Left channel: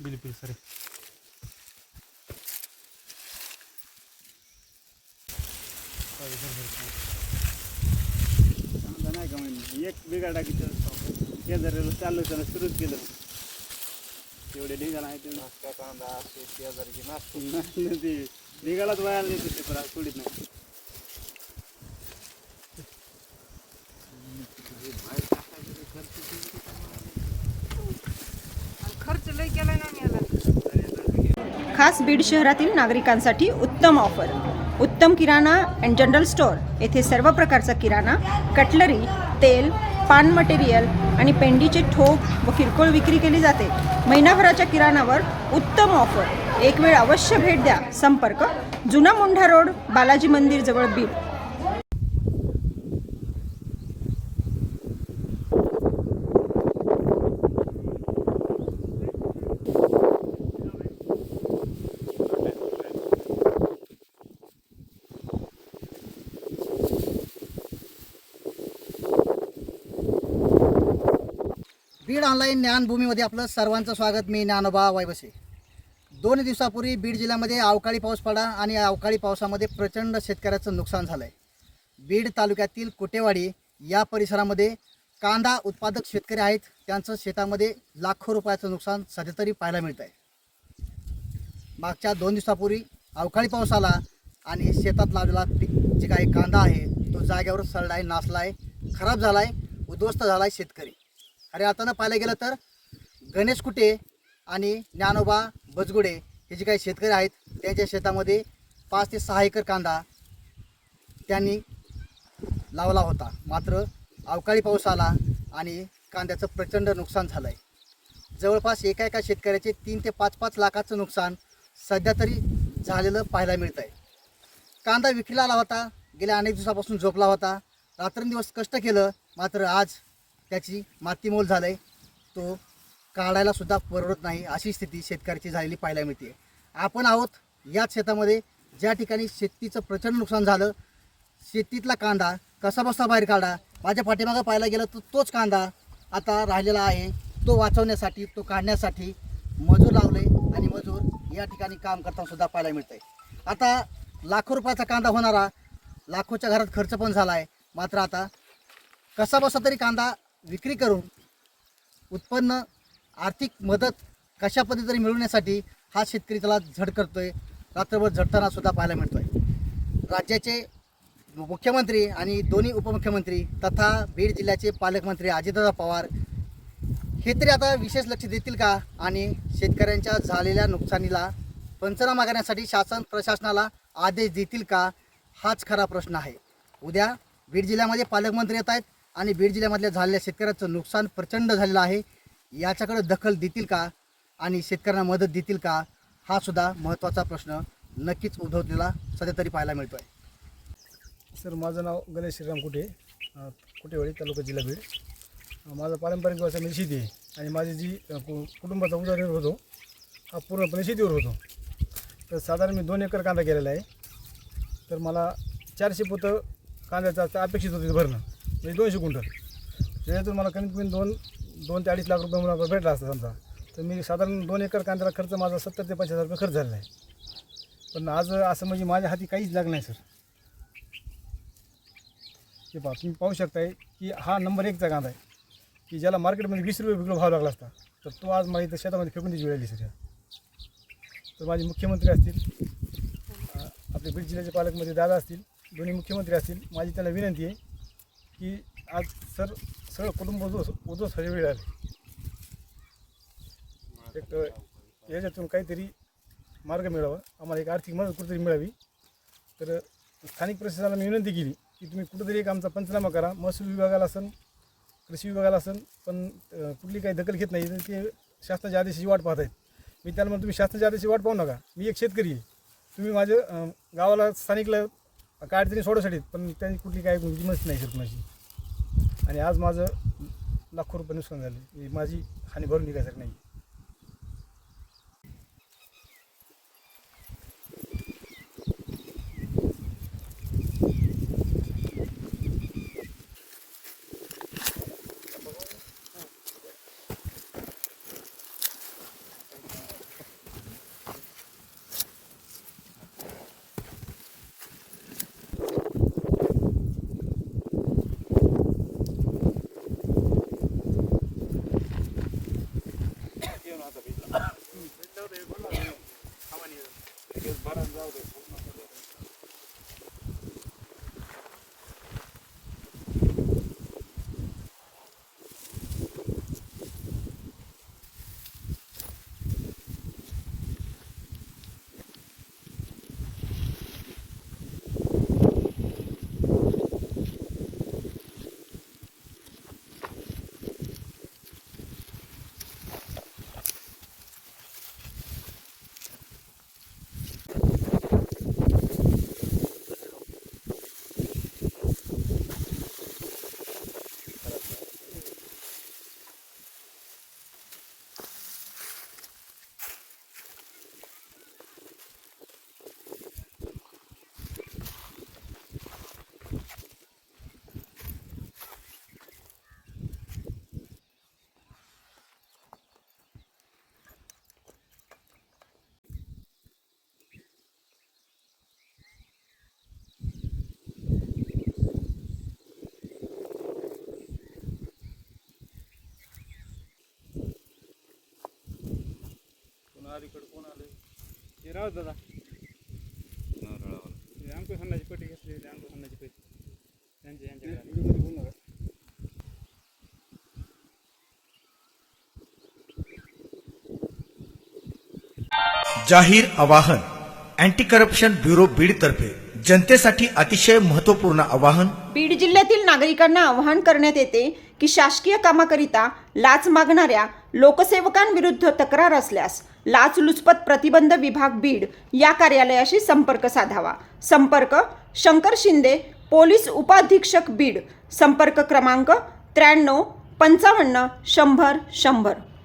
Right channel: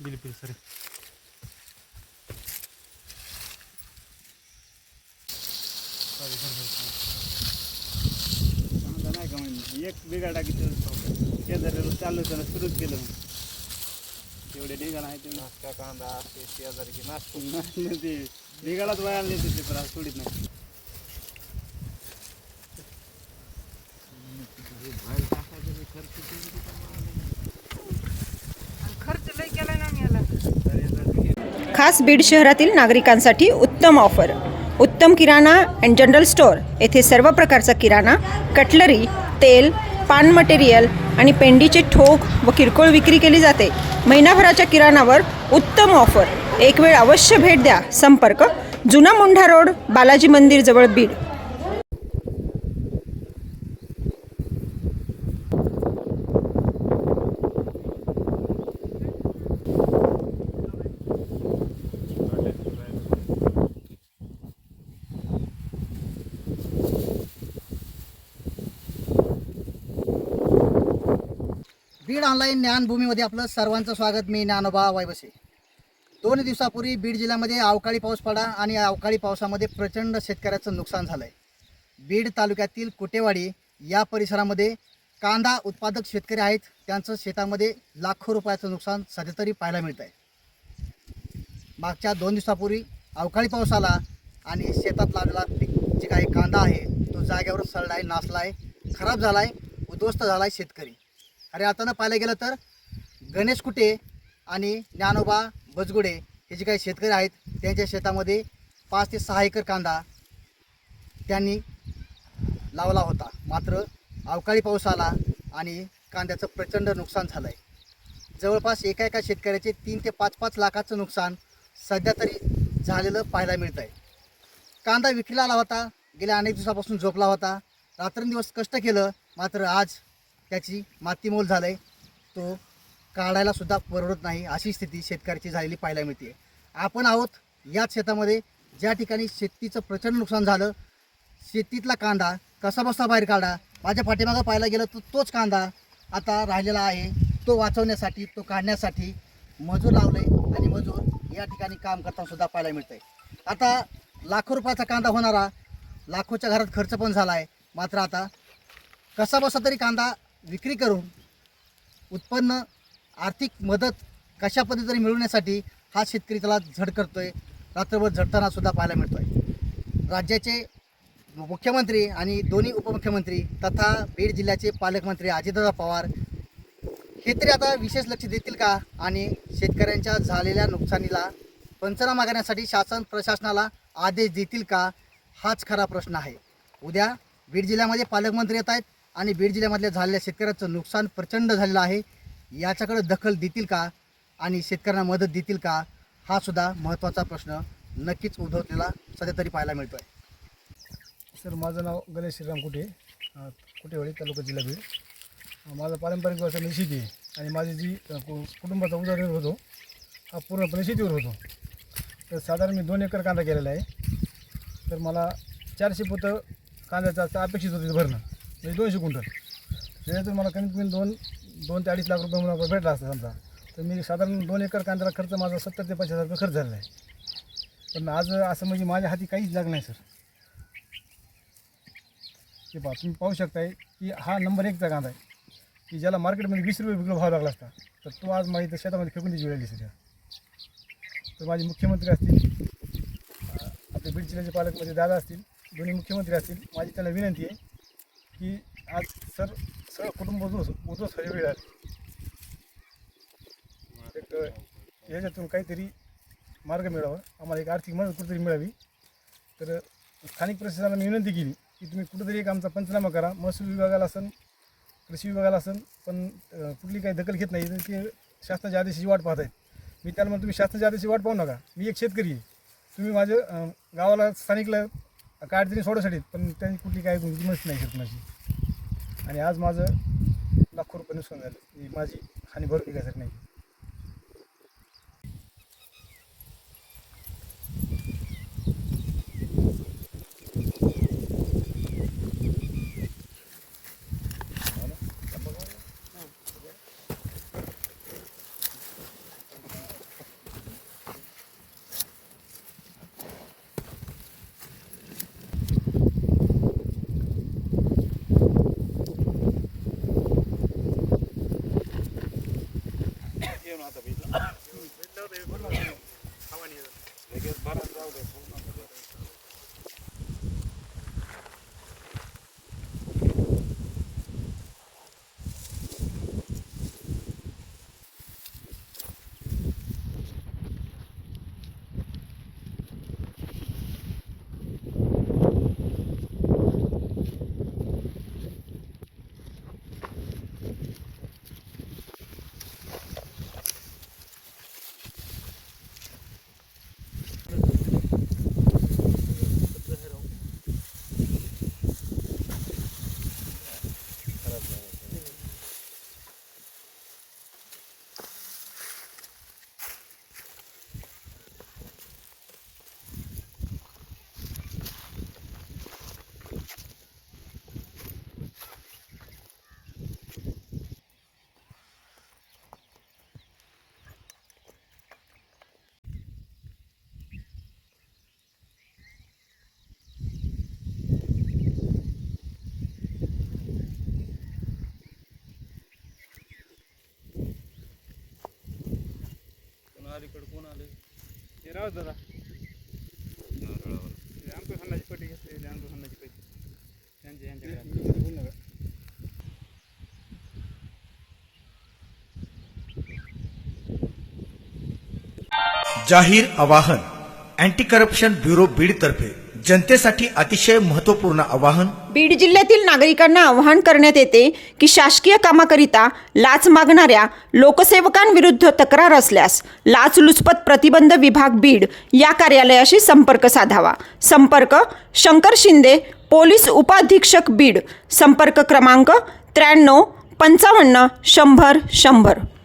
बिलकुल सर नाही का म्हणजे एक बिघा टाकीचं शेजारी चाललं होतं सुरूच केलं तेवढे निघाला आहे तेवढा कांदा शेजारीची नाश्ते ते निघालाच वयाला नेत होते पण सोडीत नाही खास बीड शहरातील नागरिकांसाठी उत्तम ऑफर. उत्तम किराणा अँड जनरल स्टोअर येथे सर्व प्रकारचा किराणा, कटलरी, तेल, पान मटेरियल आणि पेंडीचे ठोक व किरकोळ विक्री केली जाते. महिनाभराच्या किराणावर उत्तम ऑफर. एक वेळ अवश्य भेट द्या. संपर्क जुना मुंढा रोड, बालाजी मंदिर जवळ, बीड. बीड ऑनलाईन ज्ञानभूमीमध्ये आपलं सर्वांचं स्वागत. मी ज्ञानोबा वायबसे. 2 दिवसापूर्वी बीड जिल्ह्यामध्ये अवकाळी पाऊस पडला आणि अवकाळी पावसामध्ये प्रचंड शेतकऱ्याचं नुकसान झालं आहे. बीड तालुक्यातील कुटेवाडी या परिसरामध्ये कांदा उत्पादक शेतकरी आहेत. त्यांचं शेतामध्ये लाखो रुपयाचं नुकसान सध्या तरी पाहायला मिळत आहे. मागच्या 2 दिवसापूर्वी अवकाळी पाऊस आला आणि शेतात लावलेला जे काही कांदा आहे तो जागेवर सडला आहे, नासला आहे, खराब झाला आहे, उद्ध्वस्त झाला आहे शेतकरी. अरे आता पाहायला गेलं तर गणेश कुटे आणि ज्ञानोबा बजगुडे हे जे काही शेतकरी आहेत त्यांच्या शेतामध्ये 5 ते 6 एकर कांदा त्यांनी लावला होता. मात्र अवकाळी पाऊस आला आणि कांद्याचं प्रचंड नुकसान झालं आहे. जवळपास एका शेतकऱ्याचे 3 ते 5 लाखाचं नुकसान सध्या तरी झालेलं पाहायला मिळतं आहे. कांदा विक्रीला आला होता, गेल्या अनेक दिवसापासून झोपला होता, रात्रंदिवस कष्ट केलं, मात्र आज त्याची मातीमोल झालं आहे. तो काढायलासुद्धा परवडत नाही अशी स्थिती शेतकऱ्याची झालेली पाहायला मिळते. आपण आहोत याच शेतामध्ये ज्या ठिकाणी शेतीचं प्रचंड नुकसान झालं. शेतीतला कांदा कसा बसा बाहेर काढा. माझ्या पाठीमागं पाहायला गेलं तर तोच कांदा आता राहिलेला आहे. तो वाचवण्यासाठी, तो काढण्यासाठी मजूर लावले आणि मजूर या ठिकाणी काम करतानासुद्धा पाहायला मिळतं आहे. आता लाखो रुपयाचा कांदा होणारा, लाखोच्या घरात खर्च पण झाला आहे. मात्र आता कसा बसा तरी कांदा विक्री करून उत्पन्न, आर्थिक मदत कशा पद्धतीने मिळवण्यासाठी हा शेतकरी त्याला झड करतोय. रात्रभर झडताना सुद्धा पाहायला मिळतोय. राज्याचे मुख्यमंत्री आणि दोन्ही उपमुख्यमंत्री तथा बीड जिल्ह्याचे पालकमंत्री अजितदादा पवार हे तरी आता विशेष लक्ष देतील का आणि शेतकऱ्यांच्या झालेल्या नुकसानीला पंचनामा करण्यासाठी शासन प्रशासनाला आदेश देतील का, हाच खरा प्रश्न आहे. उद्या बीड जिल्ह्यामध्ये पालकमंत्री येत आहेत आणि बीड जिल्ह्यामधल्या झालेल्या शेतकऱ्याचं नुकसान प्रचंड झालेलं आहे. याच्याकडे दखल देतील का आणि शेतकऱ्यांना मदत देतील का, हा सुद्धा महत्त्वाचा प्रश्न नक्कीच उद्भवलेला सध्या तरी पाहायला मिळतो आहे. सर, माझं नाव गणेश श्रीराम कुटे, कुटेवाडी, तालुका, जिल्हा बीड. माझा पारंपरिक व्यवसाय म्हणजे शेती आहे आणि माझी जी कुटुंबाचा उदरनिर्वाह होतो हा पूर्णपणे शेतीवर होतो. तर साधारण मी 2 एकर कांदा केलेला आहे. तर मला 400 पोतं कांद्याचा अपेक्षित होते भरणं, म्हणजे 200 क्विंटल. त्याच्यातून मला कमीत कमी 2 ते 2.5 लाख रुपये मला भेटला असता समजा. तर मी साधारण 2 एकर कांद्याला खर्च माझा 70 ते 75 रुपये खर्च झालेला आहे. पण आज असं म्हणजे माझ्या हाती काहीच लागलं नाही सर. हे पहा, तुम्ही पाहू शकताय की हा नंबर 1चा कांदा आहे की ज्याला मार्केटमध्ये 20 रुपये किलो भाव लागला असता, तर तो आज माझ्या इथं शेतामध्ये फेकून द्यायची वेळ आली सर. तर माझे मुख्यमंत्री असतील, आपले बीड जिल्ह्याचे पालकमंत्री दादा असतील, दोन्ही मुख्यमंत्री असतील, माझी त्यांना विनंती आहे की आज सर सगळं कुटुंब उद्ध्वस्त वेळ आली. एक याच्यातून काहीतरी मार्ग मिळावा, आम्हाला एक आर्थिक मदत कुठेतरी मिळावी. तर स्थानिक प्रशासनाला मी विनंती केली की तुम्ही कुठेतरी एक आमचा पंचनामा करा. महसूल विभागाला असेल, कृषी विभागाला असेल, पण कुठली काही दखल घेत नाही. ते शासनाच्या आदेशाची वाट पाहत आहेत. मी त्याला म्हणतो, तुम्ही शासनाच्या आदेशाची वाट पाहू नका. मी एक शेतकरी आहे, तुम्ही माझ्या गावाला स्थानिकला काय अडचणी सोडवसाठी, पण त्यांची कुठली काही किंमत नाही सर कुणाची. आणि आज माझं लाखो रुपये नुकसान झाले. माझी आणि भरून निघायसाठी नाही. जाहीर आवाहन अँटी करप्शन ब्युरो बीडतर्फे जनतेसाठी अतिशय महत्त्वपूर्ण आवाहन. बीड जिल्ह्यातील नागरिकांना आवाहन करण्यात येते की शासकीय कामाकरिता लाच मागणाऱ्या लोकसेवकांविरुद्ध तक्रार असल्यास लाचलुचपत प्रतिबंध विभाग बीड या कार्यालयाशी संपर्क साधावा. संपर्क शंकर शिंदे, पोलीस उपाधीक्षक बीड. संपर्क क्रमांक 93 55 100 100.